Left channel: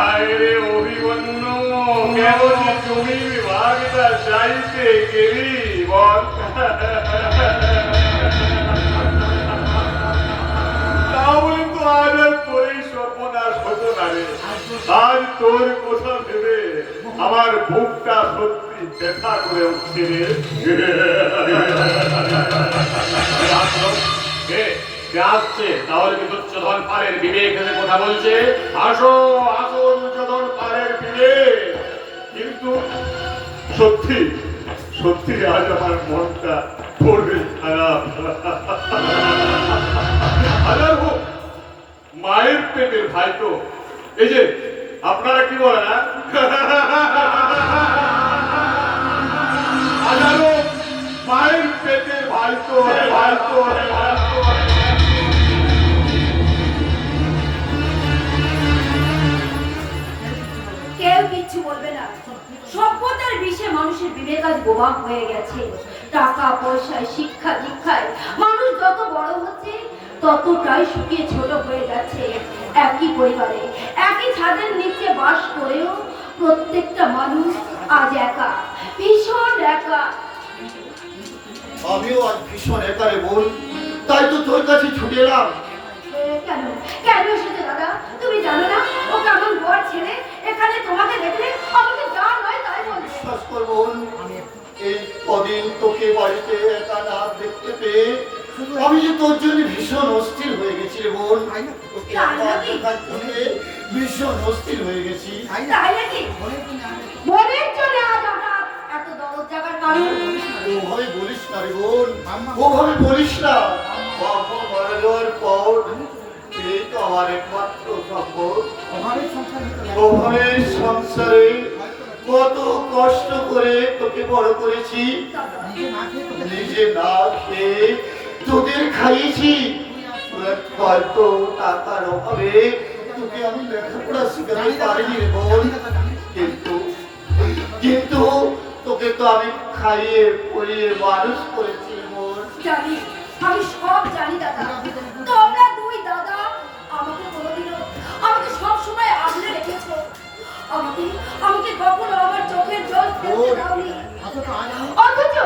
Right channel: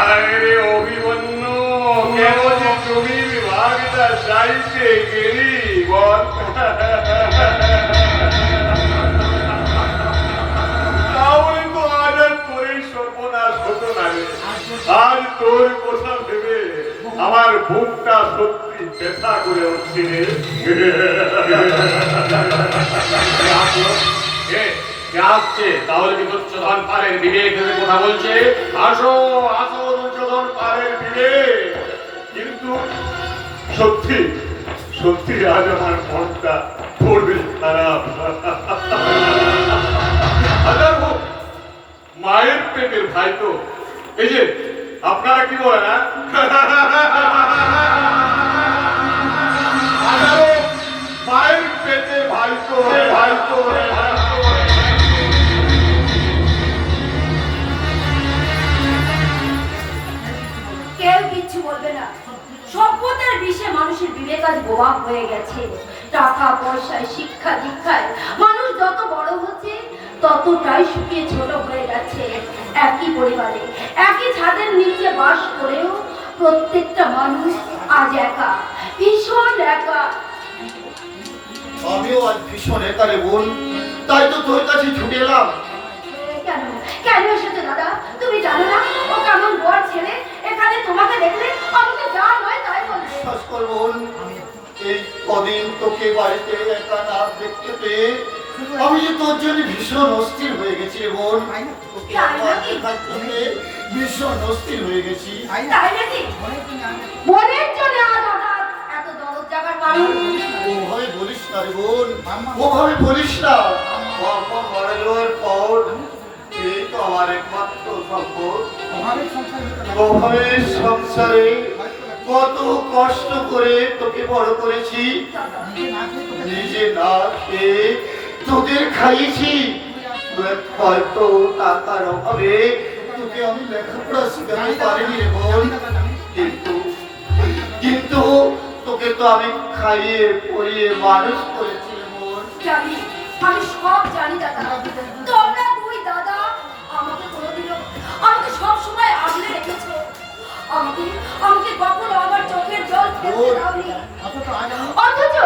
আরে অভিমন্যু, কেমন জমি বিভাগটা চাইতে গেলি বল? তাহলে তো আজ আর তোরই সর্বনাশ হতো না রে। আজ তোর কথা ভেবে আমার বুকটা সত্যি ব্যথা করে উঠছে রে। আসছে তাহলে কি দুর্যোধন পালের বিবেক ভেবে কথা বলছে? আসো আসো দুর্যোধন পালের বিবেক। কিন্তু সত্যি সত্যি আজ আমার মনটা পড়বে খারাপ। হাজার হোক মায়ের পেটের ভাই তো, এই যে আপনারা কি বলেন না, হাজারো মায়ের পেটে ভাই তো ভাই তো। কেউ কিচ্ছু বলবে না। সভ্যতার বিষে মানুষের বিবেক আজ বোবা হয়ে গেছে। টাকা পয়সায় শিক্ষা দীক্ষায় মানুষ যত বড় হচ্ছে ততটাই শুকিয়ে ছোট হয়ে যাচ্ছে। একই পরিবারে একই ছাদের নিচে বাস করেও প্রত্যেকটা মানুষ আজ একা, ভীষণ একা। আমিও আজ ভীষণ একা রে বোন, তাই তো তোর কাছে ছুটে এলাম। কেন কেন এসেছে দাদা? তুমি জানো না ও কেমন বর ছেলে? এখানে তোমাকে দেখলে আমাকে যা নয় তাই বলে। বিশ্বাস কর বোন, এই কদিন তোকে বাড়িতে একা না দেখতে পেয়ে আমি যে তোর জন্য ভীষণ অস্থির হয়ে গেছি রে বোন। তোকে একবার দেখার জন্য ভীষণ অস্থির হয়ে গেছি। তাই নাকি? মনের জন্য আজ হঠাৎ এত দরদ জাগার কারণ? ওভাবে বলিস না রে বোন, ওভাবে বলিস না। বাবা মারা যাওয়ার পর এই তো আমার একমাত্র সম্পদ। অভাবের সংসারে কত কষ্ট করে তোকে বড় করেছি, নিজে না খেয়ে তোদের খাইয়েছি। হয়তো টাকার অভাবে তোকে আমি লেখাপড়া শিখাতে পারিনি রে বোন, কিন্তু কিন্তু তোকে তো আমি খাইয়ে পরিয়ে মানুষ করেছি বোন। জানি, আমি সব জানি দাদা। তোমরা দুই দাদা আমাকে কোনোদিনও, আমাকে সব সময় আগলে রেখেছো। আমাকে আমাকে কখনো আমার চোখের জল ফেলতে দাওনি। অথচ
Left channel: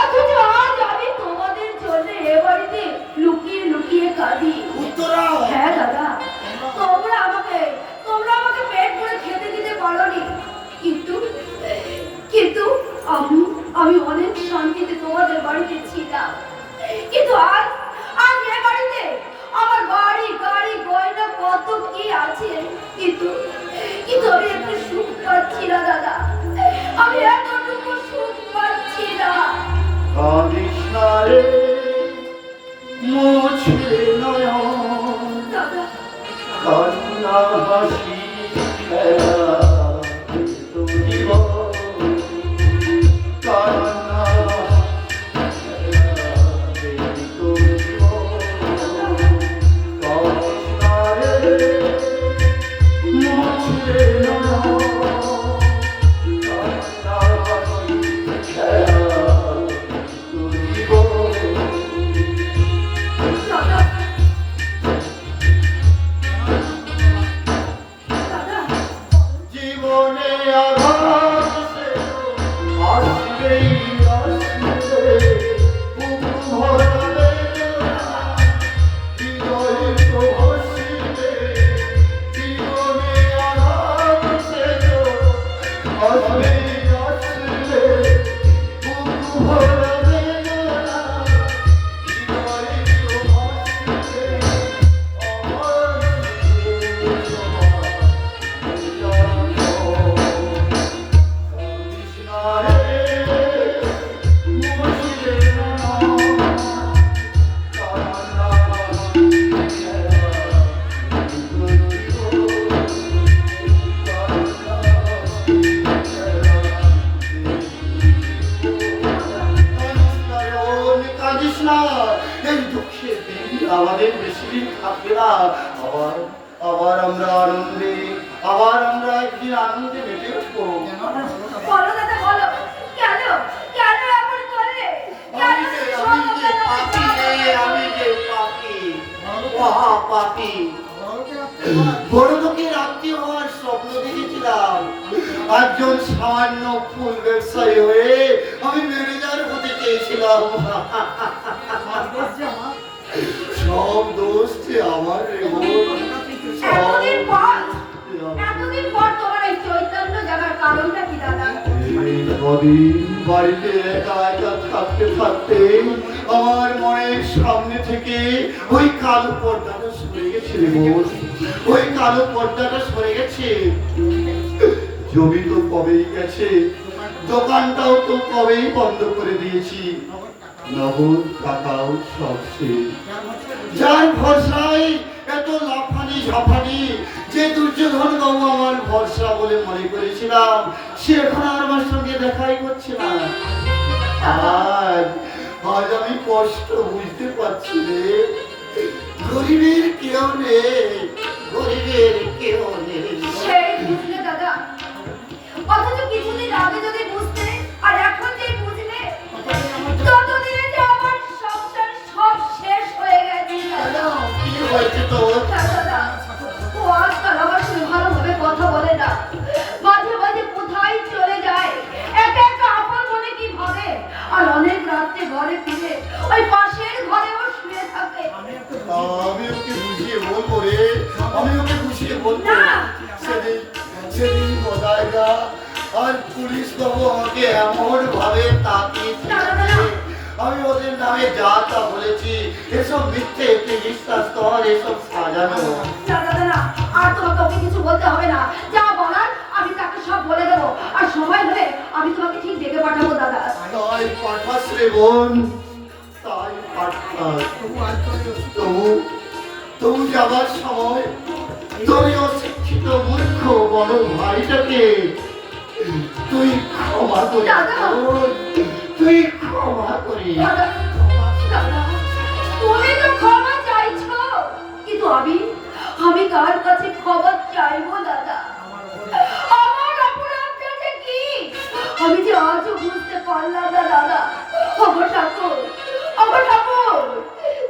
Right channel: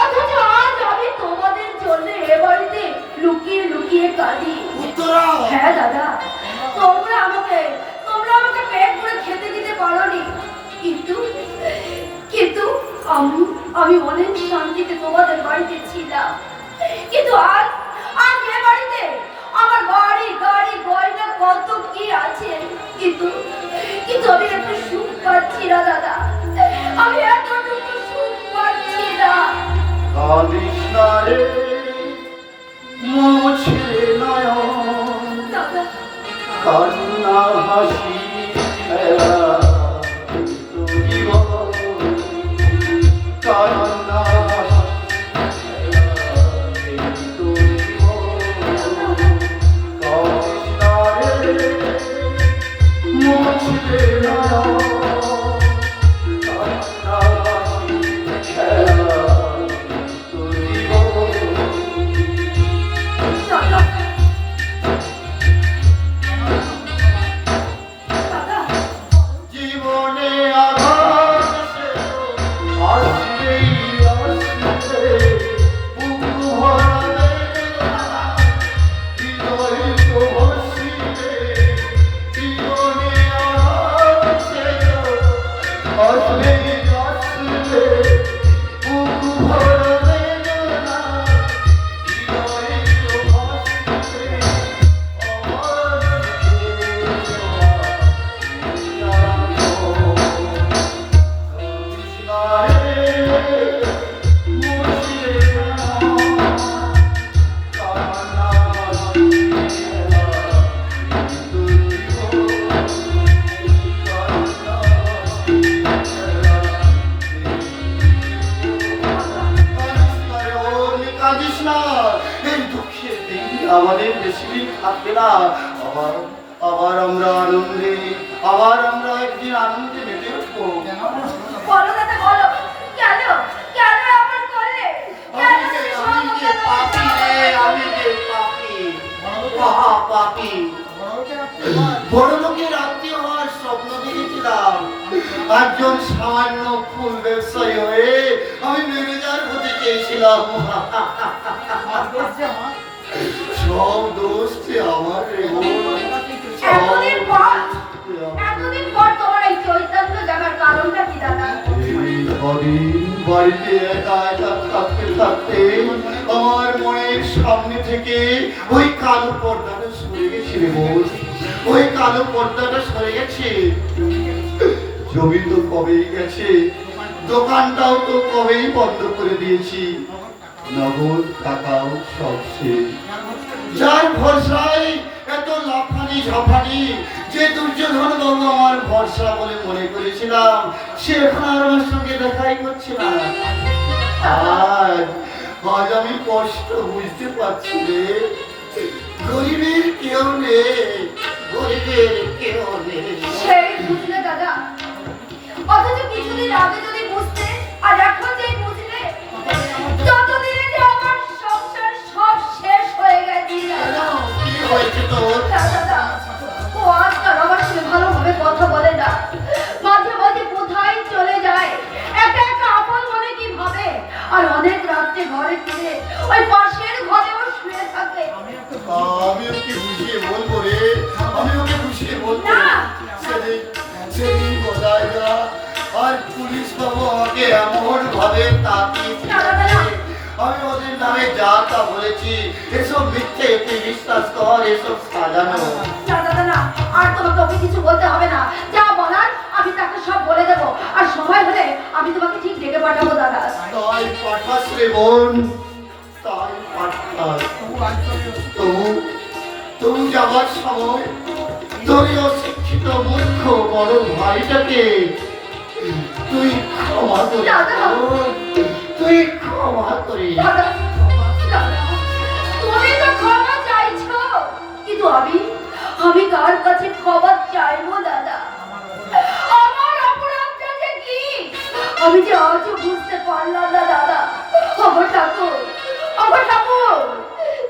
অথচ আজ আমি তোমাদের জন্য এ বাড়িতে লুকিয়ে লুকিয়ে কাঁদি। উত্তরা, হ্যাঁ দাদা, তোমরা আমাকে পেট ভরে খেতে দিতে পারোনি, কিন্তু কিন্তু আমি আমি অনেক শান্তিতে তোমাদের বাড়িতে ছিলাম। কিন্তু আজ আজ এ বাড়িতে আমার বাড়ি গাড়ি গয়না কত কি আছে, কিন্তু কিন্তু আমি একটু সুখ পাচ্ছি না দাদা। আমি এতটুকু সুখ পাচ্ছি না। কাঁদিস না রে মুছে নয়ন, দাদা কান্না হাসি খেলা জীবন, কান্না হাসি খেলা জীবন। কাঁদিস না রে মুছে নয়ন, কান্না হাসি খেলা জীবন। দাদা দাদা জীবনে আঘাত আসবেই আসবে, বুকু ভরা বেদনা হৃদয়ে তো ভাসিবে। জীবনে আঘাত আসবেই আসবে, বুকু ভরা বেদনা হৃদয়ে তো ভাসিবে। আমাদের বেশি দিন থাকবে না। আবার আবার আমরা আনন্দে, আবার আমরা একদিন আনন্দে মেতে উঠবো। বলো দাদা বলো, কেন কেন এমন করলে? আমি যে পাপি রে, আমি যে পাপি, মহা পাপি। বড় লোকের আত্মীয় হওয়ার সব একজন সামান্য ফুল ব্যবসায়ী হয়ে আমি ম্যানেজার হতে চেয়েছিলাম। সব দোষ যে আমার রে বোন। এতদিন পর তোমার এই চৈতন্য জাগার কারণটা কি দাদা? কদিন বাড়িতে একা একা থাকতে থাকতে আমার মনের সামনে থেকে ওই কালো পর্দাটা সরে গেছে রে বোন। ওই কালো পর্দাটা সরে গেছে। জমি তো কবেই গেছে, দোকানটাও তো কবেই বন্ধ করে দিয়েছি, নগদ টাকাও সব শেষ। যার ভরসায় এত লাফানি ঝাফানি, যে দুর্যোধন বাবু আমার ভরসা বলে মনে করেছিলাম, সে এখন আর আমার সঙ্গে দেখাই করছে না। আজ আজ আমি কষ্ট বুঝতে পারছি রে। গরিবের কেউ নেই, গরিবের কেউ নেই। সেই বুঝলে দাদা, অথচ কিছুদিন আগে যদি বুঝতে আর এখন যে বুঝলে, ততদিনে যে আমার সংসার সব শেষ হয়ে গেছে। কি হয়েছে তোর? দাদা, ও আজকাল আমার সঙ্গে ভালোভাবে কথা বলে না, মাঝে মাঝে কোথায় চলে যায়, একা একা আপন মনে কি ভাবে, আর অনেক রাত্রে ঘরে ফিরে ওই পাশের ঘরে ও শুয়ে থাকে। আমি ওকে বুঝিয়ে বলবো রে, আমি ওকে বুঝিয়ে বলবো। না। সেদিন বোঝায় যা, আর পুলিশ বাবু আমাকে এমন ভাবে তাকিয়েছে, আমি ওদের নামে যা তা বলেছি, এসব মিথ্যে, তুই বিশ্বাস কর, এসব সাজানো। না দাদা না, আর তোমাকে ওকে কিছু বলতে হবে না, যা বলার আমি তাকে সব বলে দেবো, আর সময় হলে আমি তোমাকে ঠিক ডেকে পাঠাবো দাদা। তাই পাঠাস রে বোন, তাই পাঠাস। তবু যাবার সময় তোর এই অশিক্ষিত মূর্খ বড় ভাইটাকে তুই ক্ষমা করে তুই ক্ষমা করে। দাদা, দাদা, তুমি তো ক্ষমা চাইছো, কিন্তু আমি কার কাছে ক্ষমা চাইবো দাদা? আমার অপরাধটা যে কি আমি যে আজও বুঝতে পারলাম না দাদা। আমার ঠাকুর,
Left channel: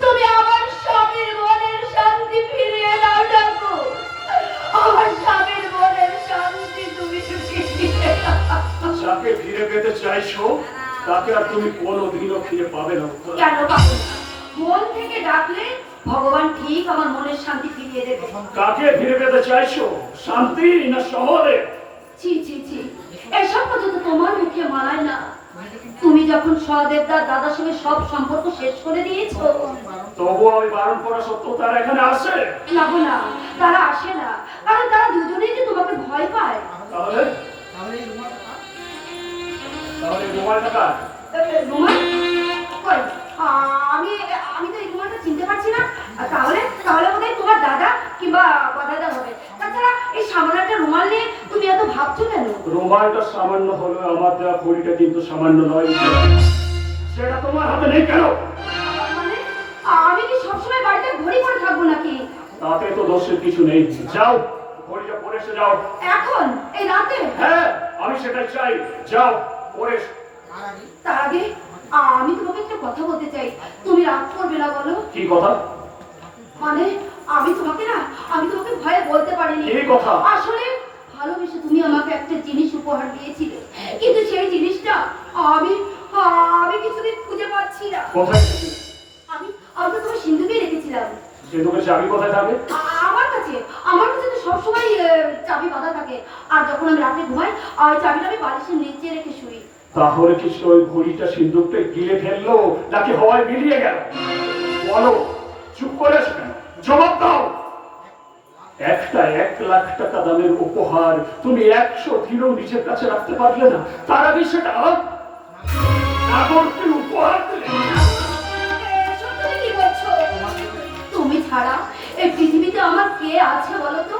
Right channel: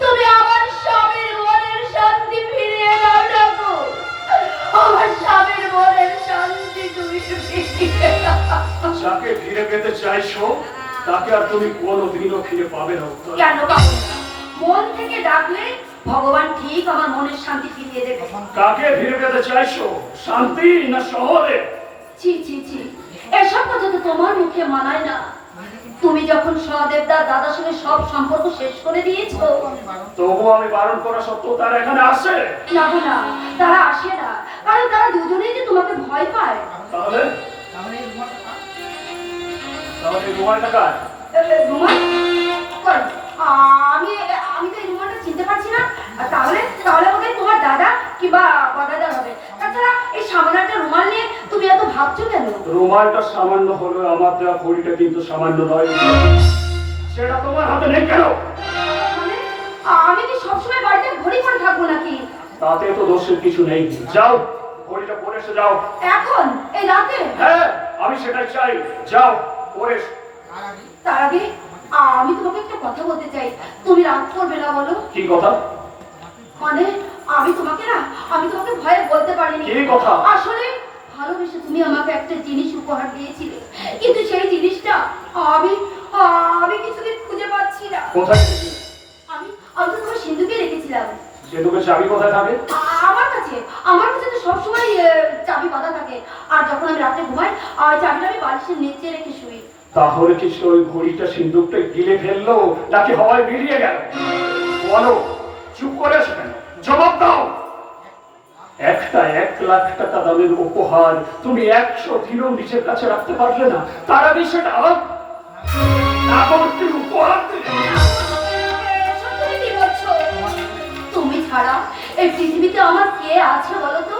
তুমি আমার স্বামীর মনের শান্তি ফিরিয়ে দাও ঠাকুর, আমার স্বামীর মনের শান্তি তুমি ফিরিয়ে দাও। যাকে ফিরে পেতে চাইছো তাকে আর তুমি কোনোদিনও ফিরে পাবে না। কেন পাবো না? মন থেকে ডাকলে ভগবান ঠিক আমার মনের শান্তি ফিরিয়ে দেবে। কাকে ফিরে পেতে চাইছো, শান্তি না শহরে? ছি ছি ছি, এসব কথা তো তোমার মুখে মানায় না। তুমি যখন সহদেবদা দাদার সঙ্গে সব সম্পর্ক শেষ করে দিয়েছো, তবু আমি বারণ করা সত্ত্বেও তারা এখানে আসে। না গো না, তারা আসে না, কারণ তারা দুজনেই যে তোমাকে ভয় পায়। তাহলে এই রুমালটা কার? রুমাল? কই, আমি আমি তো এই রুমালটা চিনতে পারছি না। তাহলে বোধহয় তোমার দাদা কিংবা দাদার হবে। তাছাড়া এই সামান্য একটা রুমাল নিয়ে তুমি এত ভাবছো কেন? রুমালটা সামান্য হলো, আমার দেওয়া ঘড়িটা কিন্তু সামান্য নয়। সেটা তোমার হাতে নেই কেন? মানে আমি কি সবসময় বাড়িতে ঘড়ি পরে থাকবো নাকি? তাতে তো দোষের কিছু নেই। যাও, ঘড়িটা পরে এসে যাও। এখন এই রাতে? হ্যাঁ, আমি সেটাই চাই। যাও, পরে এসো। তার আগে আমি তোমাকে একটা কথা বলতে চাই, তুমি রাগ করবে না বলো? কি কথা? মানে আমি তোমাকে ভয়ে বলতে পারিনি। কি কথা? আসলে ভালোবেসে তুমি আমাকে একটা জিনিস উপহার দিয়েছিলে, কিন্তু সেই জিনিসটা আমি আমি কিছুদিন খুঁজে পাচ্ছি না। কোথায় রেখেছিলে? আমি তো তোমার সিন্ধুকে রেখেছিলাম। সেতুকে চাবি কোথায় থাকে? আমার কাছে তো সবসময় চাবি বাঁধা থাকে, আর যখন আমি রাতে ঘুমাই ওই চাবিটা আমি বালিশের নিচে রেখে শুই। তাহলে কি ওই ঘড়িটা সিন্দুকটা গিলে ফেললো নাকি হাওয়ায় বেরিয়ে গেল? বলো, চুপ করে আছো কেন? জবাব দাও। একটা 1,00,000 টাকা দামের উপহার তুমি 100 দিনও নিজের কাছে রাখতে পারলে না, তার আগে সেটা নাগরকে উপহার দিলে। এসব তুমি কি বলছো? তুমি ছাড়া এই পৃথিবীতে আমার কে আছে বলো তো?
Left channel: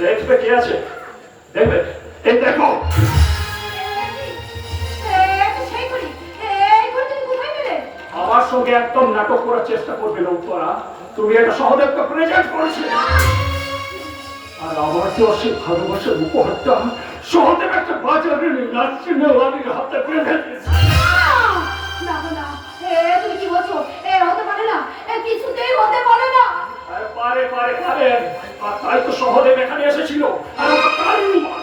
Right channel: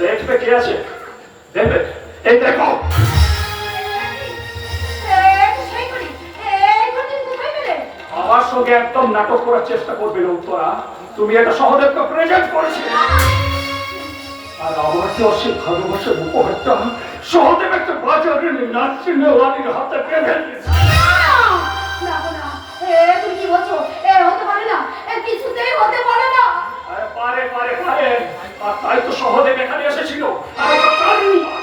দেখবে কে আছে, দেখবে। এই দেখো, আমার সঙ্গে একদম নাটক করার চেষ্টা করবে না উত্তরা। তুমি একটা সহদেবকে প্রেজেন্ট করেছিলে, আর আমার তো অসীম ভালোবাসার উপহারটা সহদেব একটা বাজারে নার্সিং ওয়ালির হাতে বেঁধে দিয়েছে। তুমি কি বলছো? হতে পারে না, কিছুতেই হতে পারে না। পারে, আর তাই তো সহদেব এখানে এসেছিল। আর ওটা কার রুমাল?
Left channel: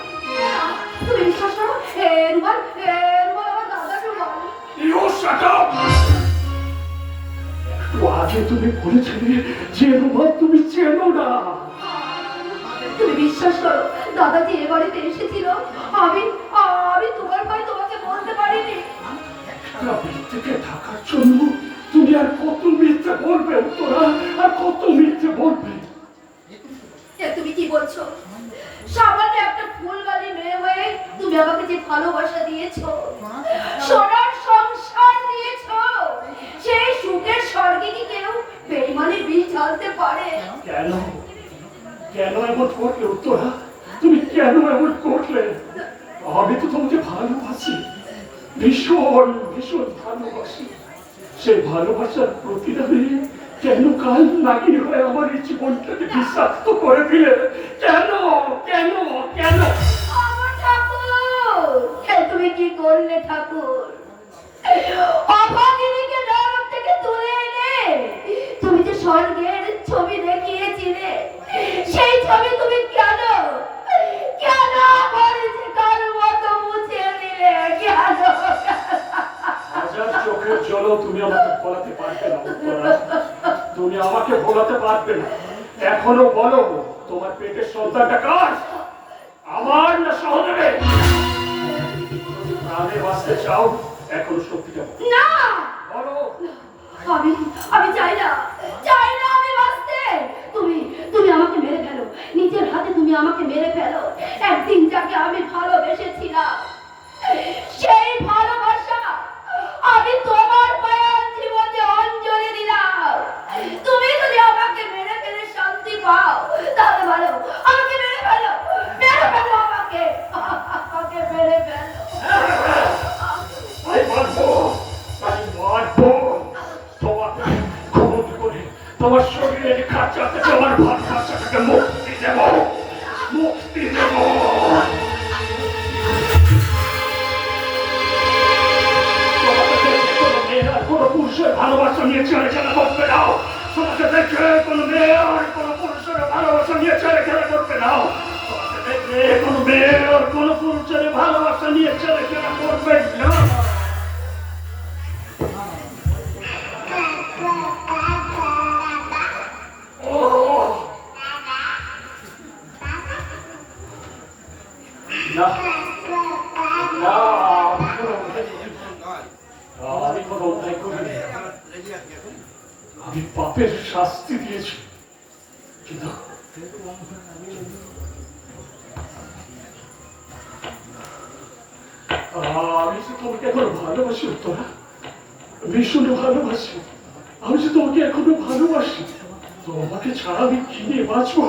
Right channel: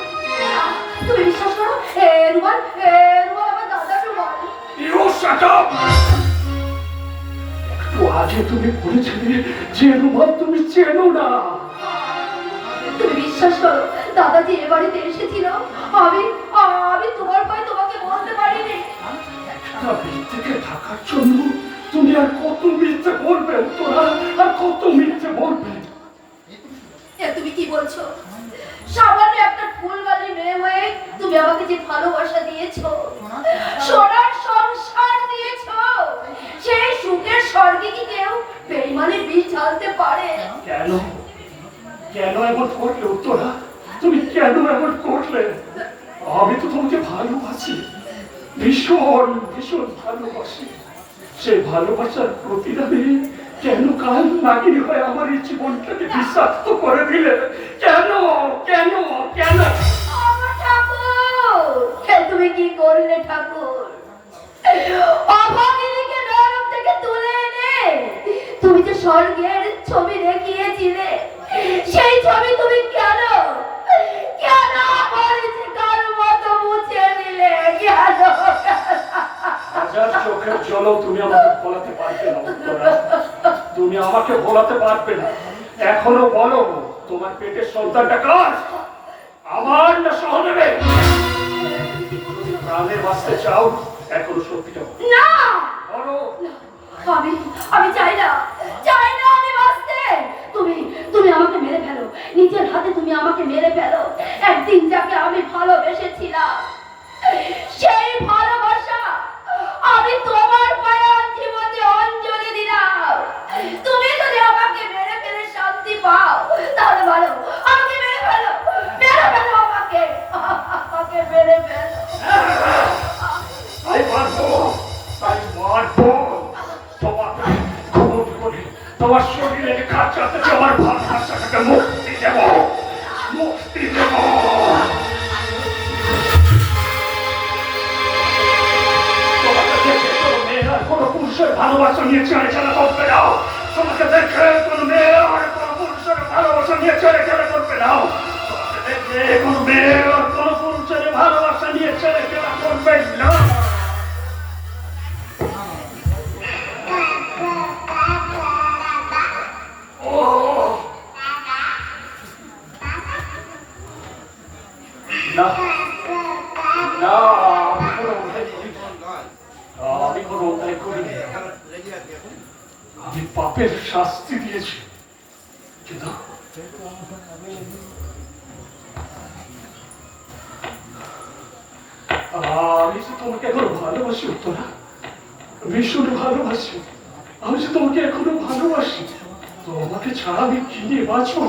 তুমি বিশ্বাস করো, দাদাজি এ বাড়িতে এসেছিল, আমি আমি তোমার ভাই তোমাকে বলতে পারিনি। একটা থেকে থাকার জন্য তুমি আর কত মিথ্যে বলবে তোরা, আর কত মিথ্যে বলবে? এ তুমি কি বলছো? সামান্য একটা ফুলগালি মেয়ে হয়ে তুমি আমাকে যে ভালোবাসা দিয়েছো, সোনার সংসার দিয়েছো, সেই সুখের স্বর্গে কি কেউ বেঈমানের বীজ ঢালতে পারে? কেন কেন এমন করলে তোরা? তুমি কেন এমন করলে? আমি তো তোমাকে ভালোবাসি, ভীষণ ভীষণ ভালোবাসি। সেই ভালোবাসার প্রতিদানে কেন কাল নাগিন হয়ে আমার এই জীবনটাকে বিষাক্ত করে দিলে? কেন কেন কেন? আমার ঠাকুর, এ তুমি কি করলে ঠাকুর? অভাগিনীকে নরক থেকে তুলে এনে তুমি যে স্বর্গের ছবি দেখিয়েছিলে, সেই ছবি তুমি কেন কেন আমার কার মতো মুছে দিলে? কেন? হাজার চোখের জলও তুমি আমাকে ভোলাতে পারবে না উত্তরা, তুমি আমাকে ভোলাতে পারবে না। এখনো বলো, তোমার পেটের সন্তানটা কার? আমার না সহদেবের? যদি প্রাণে বাঁচতে চাও, এখনো সত্যিটা বলো। না, বলো। আমি আমি চাই না, চাই না আমি বাঁচতে। তুমি তুমি আমাকে মেরে ফেলো, নিজের হাতে তুমি আমাকে মেরে ফেলো। একদিন যাকে আমি ভালোবেসেছিলাম, সেই ভালোবাসা আমি তোমার পায়ে জীবনে অঞ্জলি দিলাম। তুমি যদি আমাকে মেরে ফেলে শান্তি পাও, তাহলে ভালো, আমাকে মেরে ফেলো, মেরে ফেলো, আমাকে আমাকে মেরে ফেলো। তাই মারবো, তাই মারবো। তোমাকে খুন করে তোমার শরীরে খাঁচাতে তোমার ভাষাটাকে মুক্তি দেব, মুক্তি দেব। তোমাকে দেখে কোনো মেয়ে আর কোনো পুরুষের ভালোবাসা নিয়ে ছেড়ে খেলা করতে নাও। তোমাকে দেখে কোনো মেয়ে আর কোনো পুরুষের ভালোবাসা নিয়ে ছেড়ে খেলা করতে নাও। তোমাকে দেখে কোনো মেয়ে আর কোনো পুরুষের ভালোবাসা নিয়ে ছেড়ে খেলা করবে না। না না, আমি কোনো অন্যায় করিনি। আমি পাপের শাস্তি দিয়েছি, কিন্তু আমি যে তোমাকে এখন ভালোবাসি উত্তরা, ভীষণ ভালোবাসি। আমি যে তোমাকে এখনো ভালোবাসি। তোমাকে ছাড়া আমি কি নিয়ে বাঁচবো?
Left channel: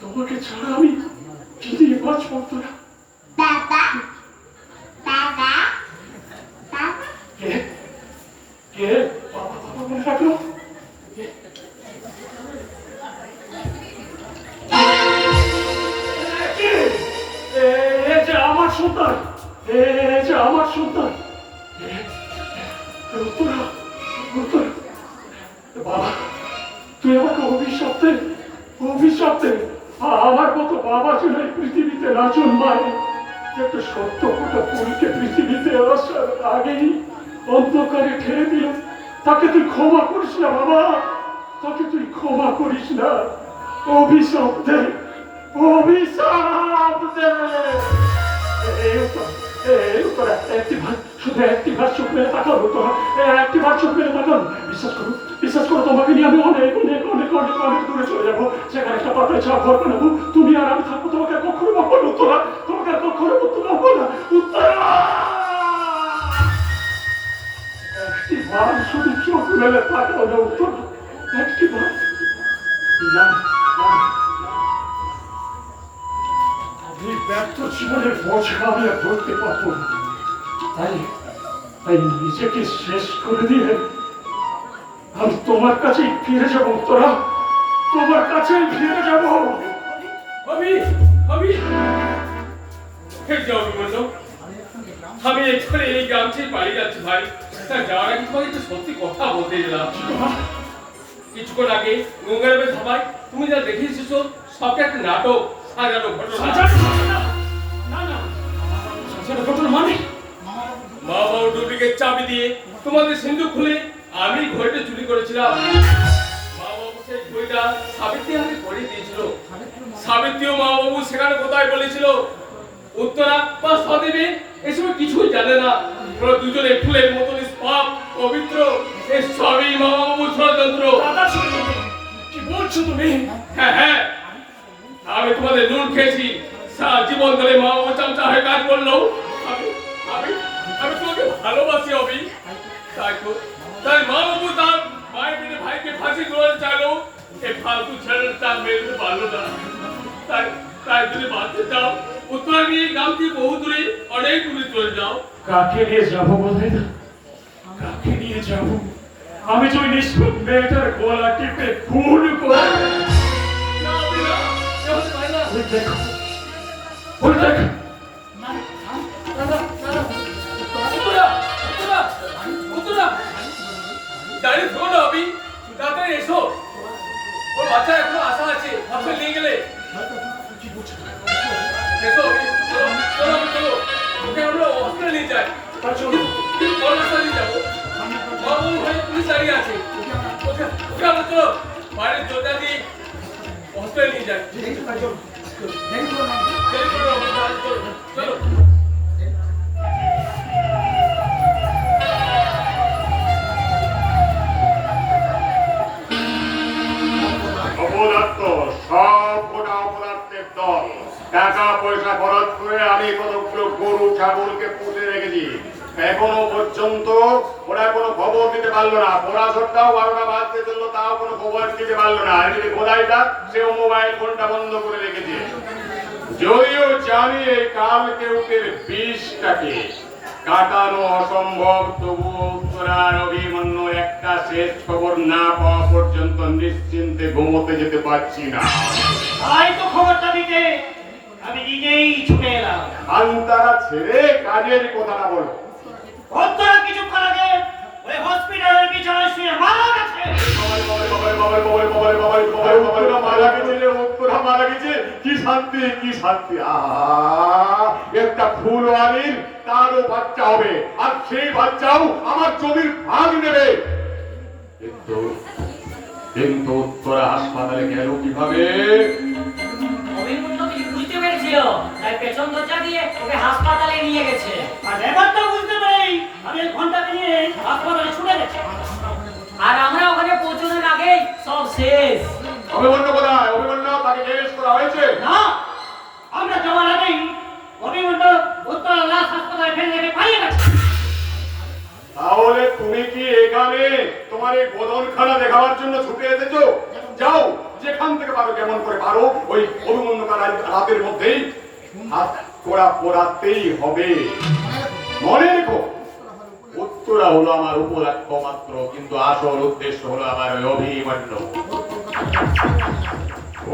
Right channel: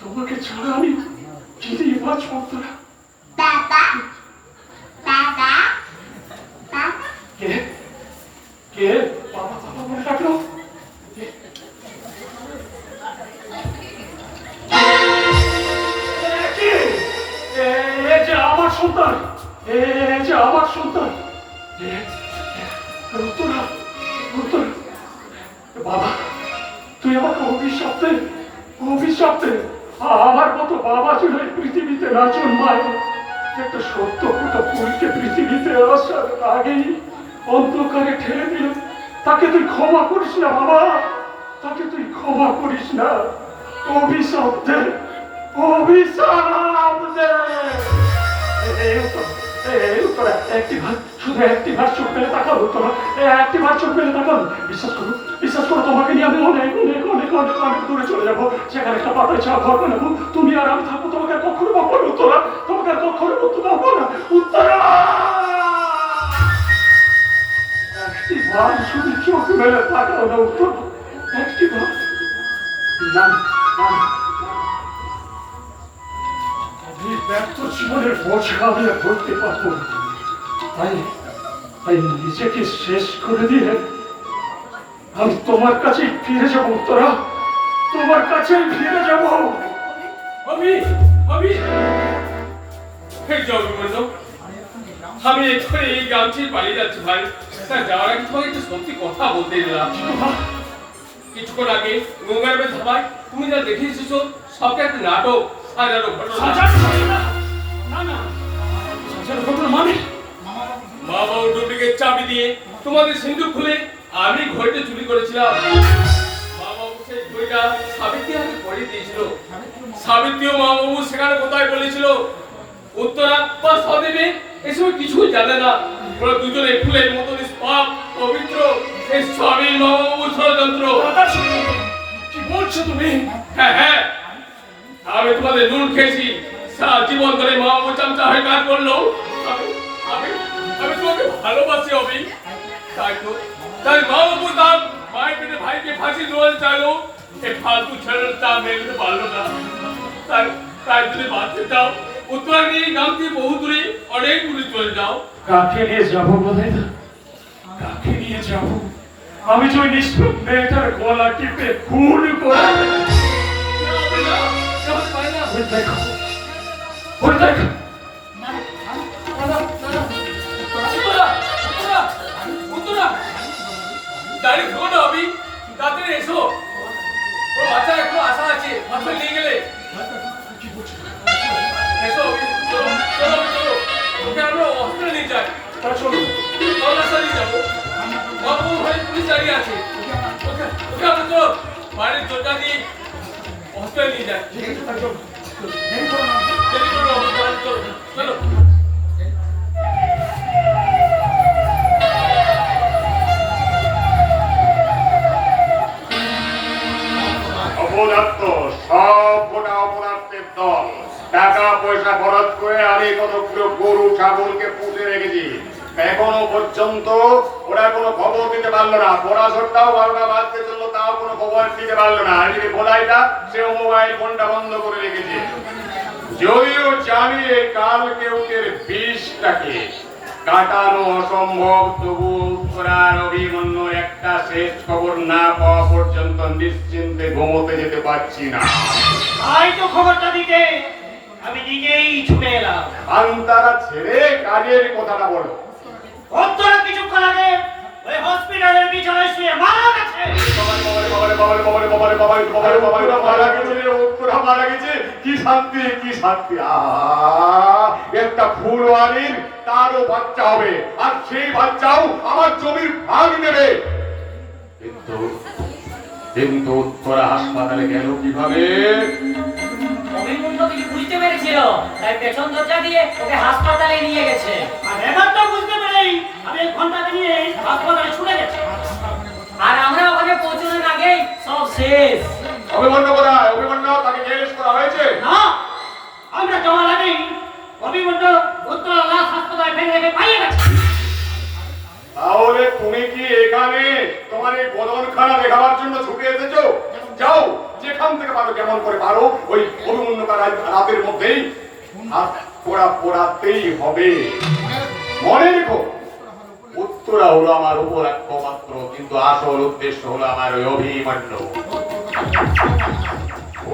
তোমাকে ছাড়া আমি কি নিয়ে বাঁচবো উত্তরা? কে কে বাবা বাবা বলে ডাকলো? এ যে আমার সন্তান, এ যে আমার সন্তান। উত্তরা, উত্তরা, বাবা তুই আমাকে অভিশপ্তে অভিশপ্তে আমার মতো বাবা ছিল এই পৃথিবীতে রাজন মায়। একটা সত্য কথা পুরীকে পৃথিবীতে আসার আগেই অন্ধকারে ঠেলে দিল। তাকে তুই ক্ষমা করিস না বাবা, তাকে তুই ক্ষমা করিস না। অভিশাপ দে, অভিশাপ দে। একটি ভাত, শুধু একটি ভাত চোখ মেলে তাকান তোরা, একটি ভাত চোখ মেলে তাকান। বিশ্বাস করো তোমাকে নিয়ে আমি অনেক অনেক অনেক অনেক অনেক দূরে চলে যাবো। সেখানে একটা পাতায় ছাড়া ঘর বানাবো, তুমি আর আমি থাকবো। তোমাকে আর কখনো বকবো না উত্তরা, তোমাকে আর কখনো বকবো না উত্তরা। একটি ভাত শুধু চোখ মেলে তাকাও না উত্তরা, একটি ভাত। না এই ব্যর্থ জীবনের বোঝা আমি আর ধরতে পারবো না। তাই নিজেকে শেষ করে দিয়ে আমি তোমার কাছে ফিরে যাবো উত্তরা, তোমার কাছে ফিরে যাবো। আমি আমি এক্ষুনি এই গ্রাম ছেড়ে পালিয়ে যাচ্ছি ভাই। তা যাওয়ার আগে তোমাকে একটা সত্যি কথা বলতে এলাম। কিছুক্ষণ আগে গঙ্গারামে ধাবায় তুমি যা দেখে এসেছো সবটা একটা নাটক, সাজানো ঘটনা। মানে মা বাবু ডুপ্লিকেট চাবি দিয়ে তোমাদের সিন্ধুক খুলে আমি ঘড়িটা চুরি করেছিলাম। মা বাবু সেই বইটা সাবিত্রী হাতে পড়িয়ে দিয়েছিল। সাবিত্রী ও মা বাবু সেখানে কোথায় বলেছিল উত্তরা বা সদেবী এসব কিছুই জানে না। ওরা দুজনে ফুলের মতো নিষ্পাপ পবিত্র। এই সবই মা বাবু ষড়যন্ত্র। দাদা শুনো, কি বলছো তুমি? হ্যাঁ হ্যাঁ, আমি তোমাদের নুন খেয়েছি। সারা জীবন ধরে মা বাবু চামচা হয়ে কাজ করলো। আমি আমি আমি তোমাকে ভালোবাসি অবি। তাই মা বাবু তার ভাই পেটে ভাইকে ফাঁসি দেওয়ার চাইলো। এই ফালতু ছেলের চাপ মেলতে পারলো না। তাই তাই যদি বাঁচতে চাও উত্তরা নিয়ে গামতি বহু দূরে অনেক দূরে চলে যাও। কাকে নিয়ে যাবো বলে? কাকে নিয়ে যাবো? আমি তো ওই নিষ্ঠুর মেয়েটার গলা টিপে খুন করে না অবি না, সে হতে পারে না। ওই দেখো, ওই দেখো। উত্তরা উত্তরা উত্তরা দাঁড়িয়ে থেকো না অবি, তাড়াতাড়ি এসো। ওর বাচ্চা এখনো আশা আছে, হসপিটাল নিয়ে গেলে। এসো অবি, চলো চলো অবি, চলো। ওকে আমরা হসপিটাল নিয়ে যাই। তা চলো। ওর বাচ্চা নিয়ে যাবো। মা বাবু ঘরে পুলিশ দাঁড়িয়ে আছে। ওকে ওকে আমরা চলো বাইরের দরজা দিয়ে হসপিটাল নিয়ে যাই। দেরি করো না অবি, চলো চলো। অপদার্থ, সব গোটা অপদার্থের দল। টাকা পয়সা খরচ করে আমি কতগুলো গরু ছাগলকে পুষে রেখেছি, এখনো পর্যন্ত ওরা কোনো খবর দিতে পারলো না। পড়াশোনাটাও 12টা বাজতে চললো, তাও কোনো খবর দিতে পারলো না। এদিকে খোদাইটা সেও মোবাইল ফোনটা বন্ধ করে রেখেছে। যদিও জানি এই কালকেউটের বিষটাকে কাটানো অসম্ভব, তবুও উত্তরার অভিমন্যু একটা শেষ খবর না পাওয়া পর্যন্ত নিশ্চিন্তে ঘুমোতে যেতে পারছি না। তাই তো খবরটা দিতে আমি নিজেই ছুটে এলাম। আন্তারা ছেড়ে কাজের কথাটা বলো। উত্তরা কিছুক্ষণ আগে ওই হসপিটালের বিছানায় শুয়ে মারা গেছে। কি শান্তি, কি শান্তি! একটা ফুলওয়ারির তারও বাচ্চা হবে, আর সেই বাচ্চাও আমার জমির ভাগ নেবে। কিন্তু কিন্তু উত্তরা হাসপাতালে গেল কিভাবে? অভিমন্যু কিছু বুঝতে পেরেছিল, তাই পেছন দরজা দিয়ে ওকে হাসপাতালে নিয়ে গেছে। আর ব্যাপারটা বুঝতে পেরেই আমি এই ঘন্টাকে নিয়ে হাসপাতালে ছুটে গেছি। আর আমরা ওখানে পৌঁছানোর আগেই সব শেষ। অভিমন্যু কোথায়? অভিমন্যু তাকে জিজ্ঞেস করা হয়েছে? না, আমরা যাওয়ার আগেই অভিমন্যু উত্তরা লাশ হাসপাতালে ফেলে রেখে পালিয়ে গেছে। তাহলে তুমি কি এখানে তোমার এই বদনখানা দেখাবার জন্য ছুটে এসেছো? যাও, যেখান থেকে পারো, কেমন করে পারো, ওই অভিমন্যুকে রাতের মধ্যেই হাত পোড়াতেই হবে। মনে রেখো, উত্তরা হলো আমার উপর একমাত্র, কিন্তু আসল উদ্দেশ্য হলো আমার ওই অভিমন্যু।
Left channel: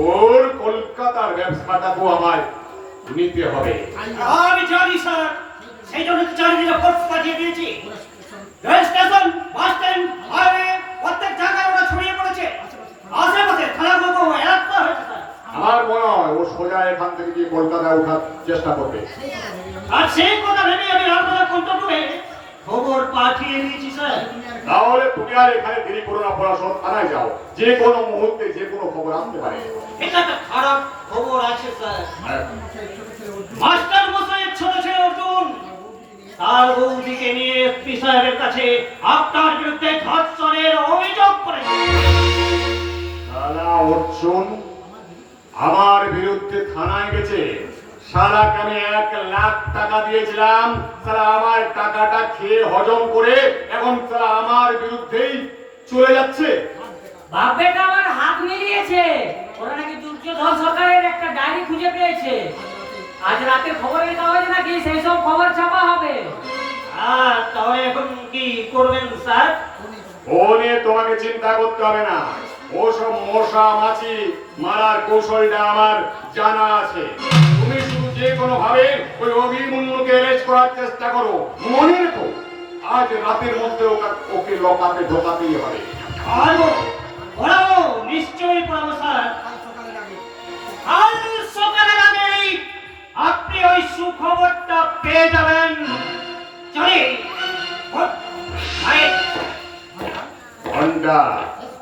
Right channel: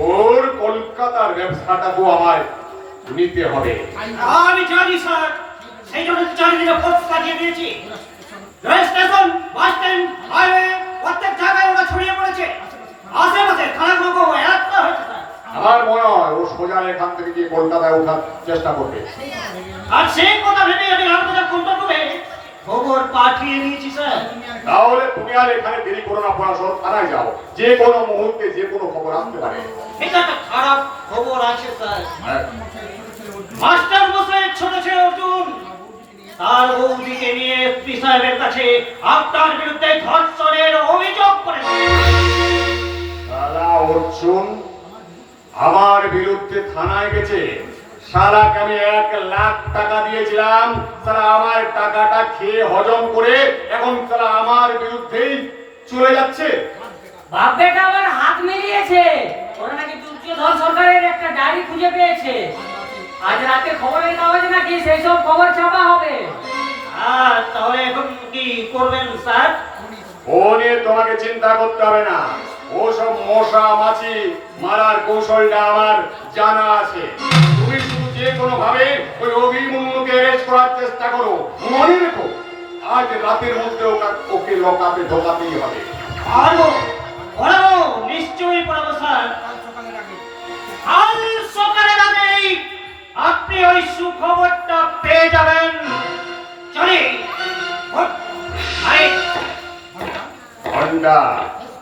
ওর কলকাতার ব্যবসাটাকেও আমার নিতে হবে। আমি জানি স্যার, সেই জন্য চারিদিকে ফোর্স পাঠিয়ে দিয়েছি। Rail station, bus stand, highway, প্রত্যেক জায়গায় ওরা ছড়িয়ে পড়েছে। আশেপাশে থানাগুলো এলাকা হয়েছে স্যার। আমার মনে হয় ও সোজা এখান থেকে গিয়ে কলকাতায় ওঠার চেষ্টা করবে। আর সেই কথা ভেবে আমি রামবাজার কন্ট্রোলে খবর পাঠিয়ে দিয়েছি স্যার। তাহলে তুমি আর এখানে দেরি করো না, পড়াশোনা থানায় যাও, যে কোনো মুহূর্তে যে কোনো খবর আসতে পারে। এটা তো খারাপ খবর আছে স্যার। মাস্টার মশাইয়ের ছোট ছেলে অর্জুন তার বৌদিকে নিয়ে এসপি সাহেবের কাছে আপনার বিরুদ্ধে ধর্ষণের অভিযোগ করেছে। শালা অর্জুন আমার বিরুদ্ধে থানায় গেছে। শালাকে আমি 1 লাখ টাকা দিয়েছিলাম, শালা আমার টাকাটা খেয়ে হজম করে এখন শালা আমার বিরুদ্ধেই চলে যাচ্ছে। বাপ বেটা আবার হাত মিলিয়েছে। ওরা নাকি দুর্যোধন সরকারের একটা ডায়েরি খুঁজে পেয়েছে। আজ রাতে খবরের কাগজে নাকি সেই সব খবর ছাপা হবে। আর তাহলে এখন কি করবেন স্যার? ও নিয়ে তোমাকে চিন্তা করতে হবে না। ওসব মশা মাছি মারার কৌশলটা আমার জানা আছে। তুমি শুধু যে কোনো ভাবে ওই অভিমন্যুকে অ্যারেস্ট করার চেষ্টা করো। মনে রেখো, আজ রাতের মধ্যে ওকে লকআপে ঢোকাতেই হবে। পারবো, পড়াবো, নিশ্চয়ই পড়াবো স্যার। কাল সকালের আগেই আপনি ওই সুখবরটা পেয়ে যাবেন। চলে ঘন্টা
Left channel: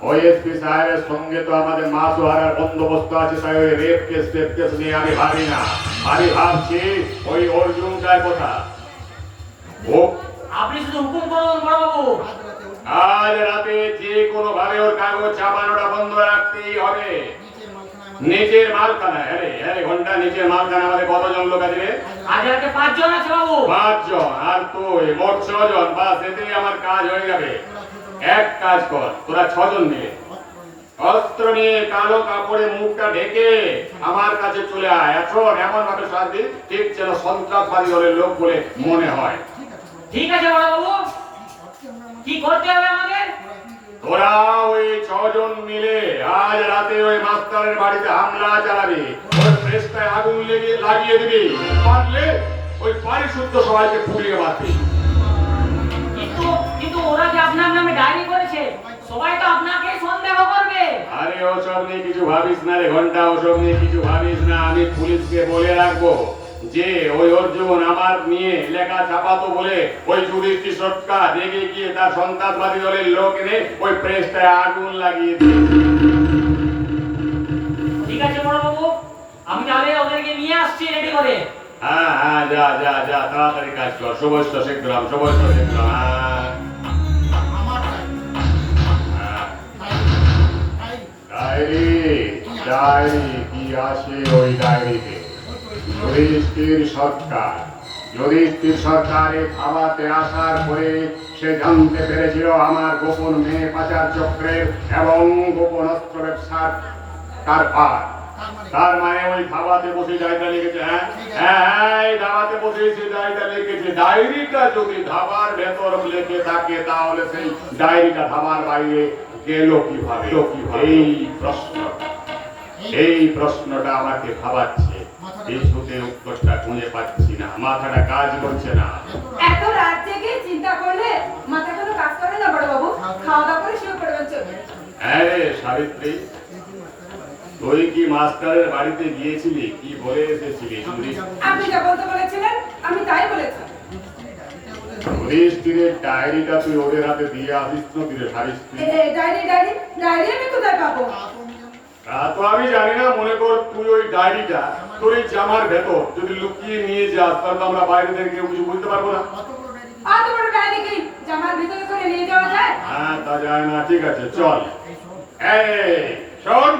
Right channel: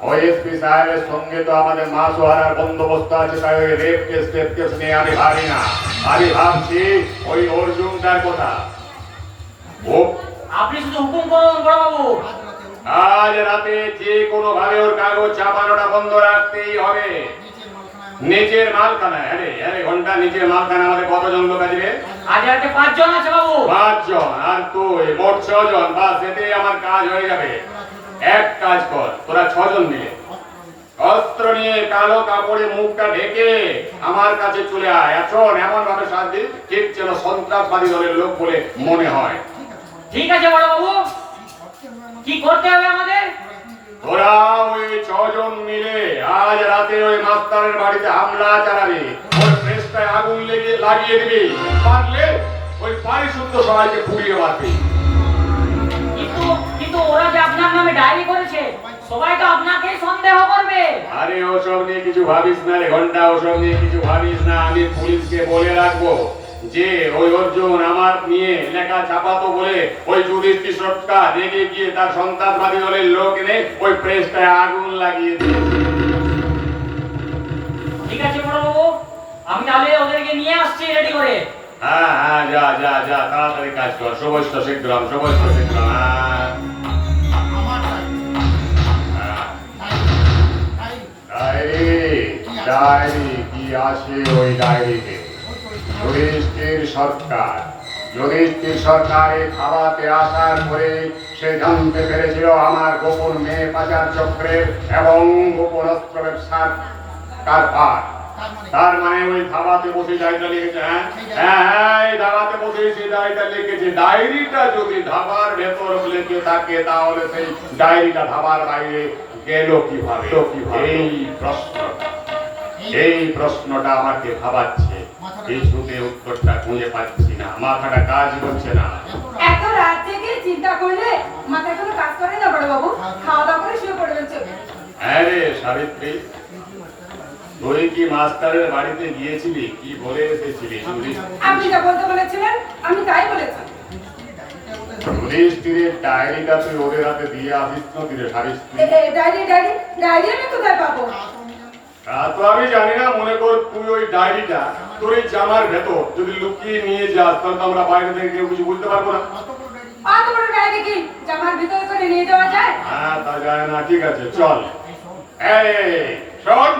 ওই এসপি সাহেবের সঙ্গে তো আমাদের মাছ হারার বন্দোবস্ত আছে, তাই ওই রেপ কেস নিয়ে আমি ভাবি না। আমি ভাবছি ওই অর্জুনটার কথা। ও আপনি শুধু হুকুম করুন বড়বাবু। আজ রাতে যে কোনো ভাবে ওর কাগজ ছাপানোটা বন্ধ রাখতেই হবে। নিচের মালখানা, আরে ঘন্টা নিচের মালখানা আমাদের কতজন লোক আছে রে? আজ রাতে 5 জন আছে বাবু। 5 জন, আর তুই মোট 6 জন। বাস এতেই আমার কাজ হয়ে যাবে। এক কাজ কর, তোরা 6 জন মিলে অস্ত্র নিয়ে কালো কাপড়ে মুখটা ঢেকে আমার কাছে চলে আয়। এখন এমন ভাবে সাজি ঠিক যেন সন্ত্রাসবাদী দলের লোক বলে মনে হয়। ঠিক আছে বড়বাবু, কি করতে হবে আমাদের? তোরা ওই 6 জন মিলে আজ রাতে ওই মাস্টারের বাড়িতে হামলা চালাবি। ওই প্রেসটায় আগুন লাগিয়ে দিবি। পারলে ওই পারিশুদ্ধ সবাইকে পুড়িয়ে মারবি। কিন্তু ওরা যে আপনার নামে ডায়েরি করেছে, সবাই তো আপনাকে সন্দেহ করবে। আরে ওসব নিয়ে কিছু ভাবিস না রে ঘন্টা, ওসব নিয়ে কিছু ভাবিস না। আমি পুলিশকে বলে রাখবো যে ওই অর্জুন আমার নিয়ে লেখা ছাপাতো বলে ওই যুধিষ্ঠির সরকার রেগে গিয়ে তার সন্ত্রাসবাদী দলের লোক এনে ওই প্রেসটায় আগুন লাগিয়ে দিয়েছে। ঠিক আছে বড়বাবু, আমি তাহলে ওদেরকে নিয়ে আসছি রেডি করে। হ্যাঁ, যা যা যা, তাড়াতাড়ি কাজ কর। সবস্ত শিখলাম। ডায়েরি কি আসে ওই ডায়েরিতে? যুধিষ্ঠির সরকারে খাওয়াতে আসার পরে সে জানতে পেরেছিল আমার গোপন মেয়ে পাচার চক্রের এবং গোপন অস্ত্র ব্যবসার কারবার। তার মানে ওই ধাবাতে বসে ডায়েরিটা লিখেছে। হ্যাঁ, এই ধাবাতে বসে সেই ডায়েরিটা লিখেছে। ডায়েরিটা যদি ধাবার ভেতর লেগে থাকে তাহলে সেই ডায়েরিটা ধাবার বাইরে গেল কিভাবে? এই প্রশ্নটা আমাকে ভাবাচ্ছে। কিছুতে উত্তরটা খুঁজে পাচ্ছি না, মাথাটা কাজ করছে না। এত রাত থেকে চিন্তা করলে মাথা কোনো কাজ করে না বড়বাবু। খাওয়া দাওয়া করে শুয়ে পড়বেন চলে। হ্যাঁ রে সাবিত্রী, তুই কি মাস্টারের বাড়িতে গিয়েছিলি? কি বলে এসেছিলি? আপনি যা বলতে বলেছিলেন আমি তাই বলেছি। যুধিষ্ঠিরের ডায়েরিটা তুই ওদের হাতে দিয়ে আসিস না দিলে সাবিত্রী? ডায়েরি আমি কোথায় পাবো? তা তো আমি জানি না। মনে কর তুই ওই ডায়েরিটা তোর এই জামার ভেতর যদি লুকিয়ে নিয়ে যাস, তাহলে তো আমরা বাইরে থেকে কেউ কিছু বুঝতে পারবো না। অত বড় ডায়েরি কি জামার ভিতরে করে নিয়ে যাওয়া যায়? হ্যাঁ, তা যায় না। ঠিক আছে, চল। এই শোন,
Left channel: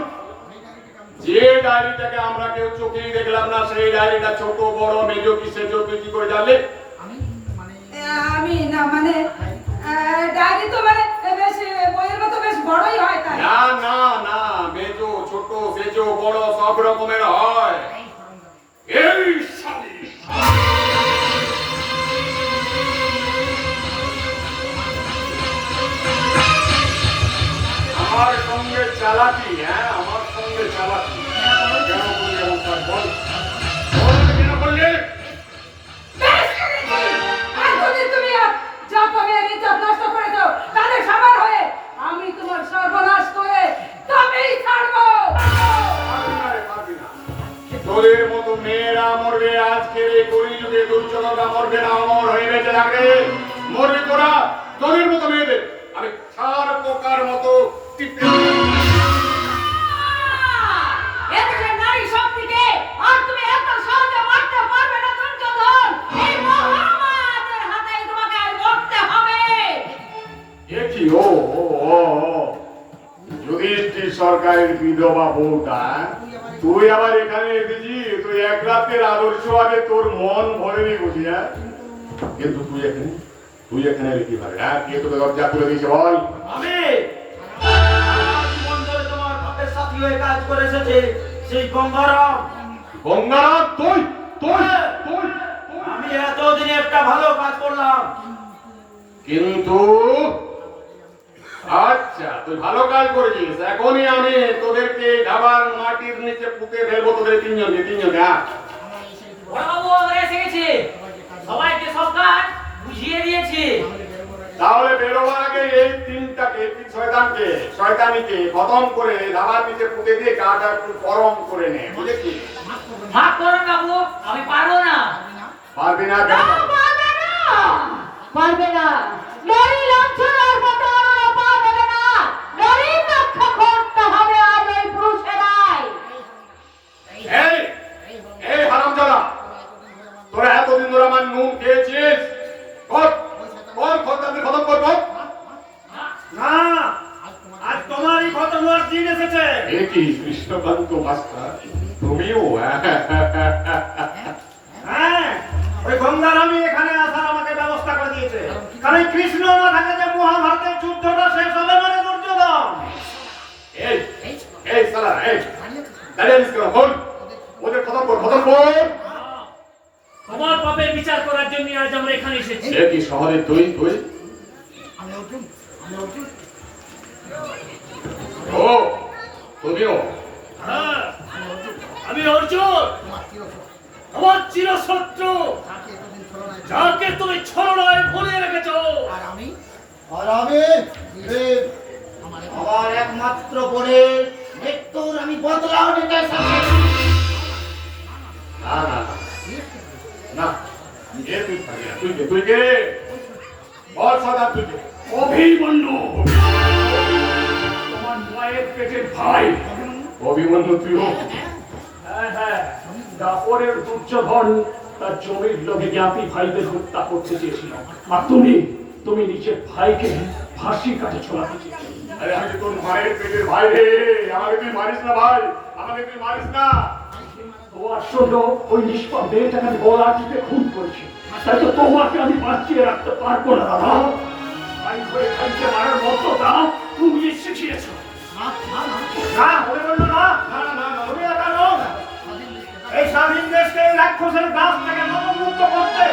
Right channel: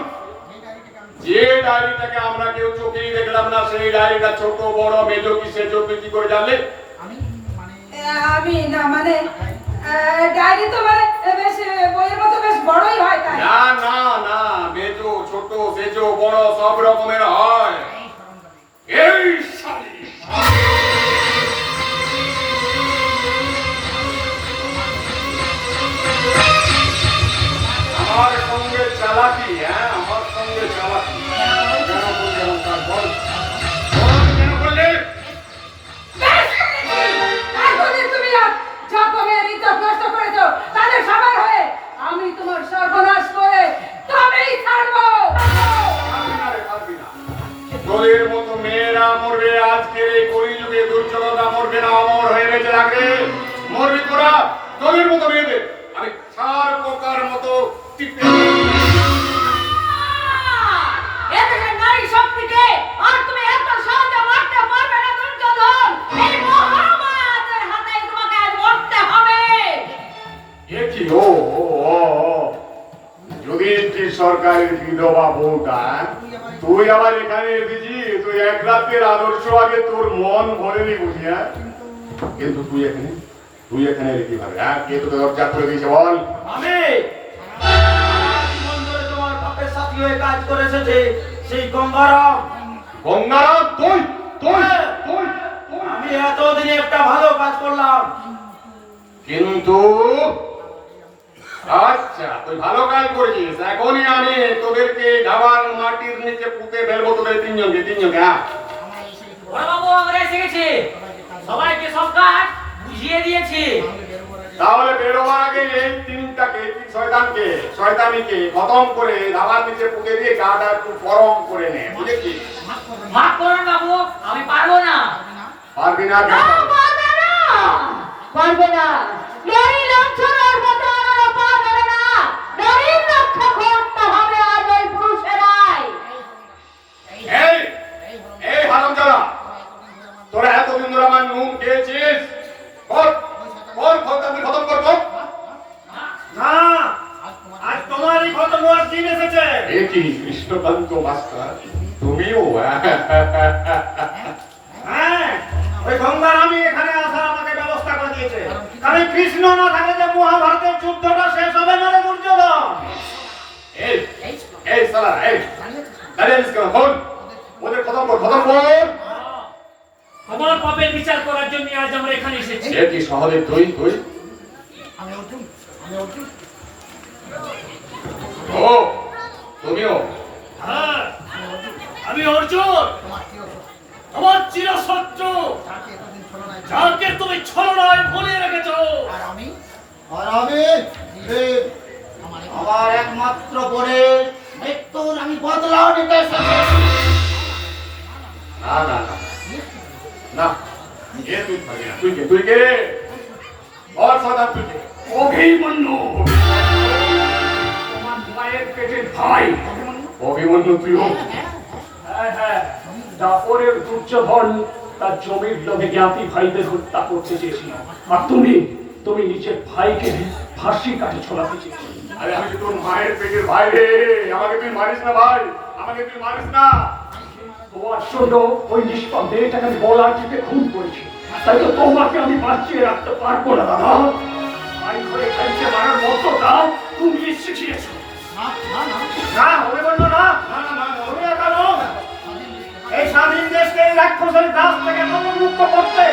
যে ডায়েরিটাকে আমরা কেউ চোখেই দেখলাম না, সেই ডায়েরিটা ছোট বড় মেজো কি সেজো তুই কি করে জানলে? আমি না মানে ডায়েরি তো মানে বেশ বইয়ের মতো বেশ বড়ই হয় তাই। না না না, মেজো ছোট সেজো বড় সব রকমের হয়। এই শালি আমার সঙ্গে চালাকি, আমার সঙ্গে চালাকি কেন করলে? বল কেন করলে? এখনই তুমি যা কমিয়ে ইজ্জত নষ্ট করেছো তাদের সবার হয়ে আমি তোমার সর্বনাশ করে তবেই ছাড়বো। তোদের মতো মেয়েরা মরবে আজকের এই কলিযুগে, দুর্যোধনরা মরবে না, অমর হয়ে বেঁচে থাকবে। মরবি তোরা, তোদের মতো মেয়েদের আমি সার পোকার মতো টিপে এদেশের নারী শক্তিকে আর তুমি এত সহজে মারতে পারবে না দুর্যোধন। এই মহামায়াদের হাতে তোমাকে আজ মরতে হবে। কি ও যুধিষ্ঠির সরকারের বিধবা বউটা, তুই আবার এখানে এসেছিস? তুই এক রাতের আদর্শ আগে তোর মন ভরেনি বুঝিয়া, কিন্তু তুই এখানে কিভাবে? কে তোকে দরজা করে দিয়েছে বল? আমি জীবন ধরে তোমার বাপের সাথী হয়ে কাজ করে এসেছি, সেই গঙ্গারাম। তুই আমি এতদিনে একটা ভালো কাজ করলাম। কিন্তু আচ্ছা, তুই ভালো কাজ করেছিস। এখনই আমি তোদেরকে ধাবার মাটির নিচে পুঁতে ফেলবো, তোদের তিনজনকে। বড়বাবু আমরা এসে গেছি, সবাইকে সব কাজ বুঝিয়ে দিয়েছি। তাহলে বেরোবার আগে এই তিনটাকে শয়তানিকে খতম করে ধাবার নিচে পুঁতে দিয়ে গাটা একটু গরম করে নে, বুঝেছিস? ভাগ করুন বাবু, আমি পারবো না। পারবি না কেন? পারবে না। লড়ি লাঞ্ছনার মতো আর পারবে না। লড়ি না এ কি কৃষ্ণকান্ত মাস্টার, তুমিও? হ্যাঁ, ওই গঙ্গার আমি এখানে আসার আমাকে ব্যবস্থা করে দিয়েছে, কারণ এই কৃষ্ণ না থাকলে যে মহাভারতের যুদ্ধটা শেষ হবে মানে দুর্যোধন। এই এই সালা, এই দাঁড়িয়ে আছিস কেন? বল, ওদের খতম কর, খতম কর। আমার পাপের বিচার করার জন্য আজ আমরা এখানে এসেছি। এ কি শহরে তুই তুই? ও তুমিও? হ্যাঁ, আমি অর্জুন, আমার চিরশত্রু, যাকে তুমি ছলনায় ভুলিয়ে রেখেছো। আর আমি ভীম, আমার একমাত্র বোনের মৃত্যুর আমি বদলাও নিতে এসেছি। না না না না, এ তুই থাকি না, তুই কে? তুই কে? বল সদা, তুই কে? অভিমন্যু, তোমার মায়ের পেটের ভাই। অভিমন্যু তুইও? হ্যাঁ হ্যাঁ, দাপরের দুর্যোধন তার জমির লোভে জ্ঞাতি ভাইদের হত্যা করতে চেয়েছিল, আর তুমি নিজের ভাইকে ফাঁসির কাছে ছোড়াতে চেয়েছিলে। আরে আমি তো তোর মায়ের পেটের ভাই রে, আমাকে তুই মারিস না ভাই, আমাকে তুই মারিস না। তোমার জন্য ওই নিষ্পাপ মেয়েটাকে আমি গলার টিপে খুন করেছি, তাই তো তোমাকে আমি বাঁচিয়ে রাখতে পারবো না। দাদা, ভাই হয়ে খাইতে মারার মতটা তুমি শিখিয়েছো। না, ওই বললো না, তুমি একা নও। এই স্বাধীন দেশকে এই রাক্ষসের গাছ থেকে মুক্ত করতে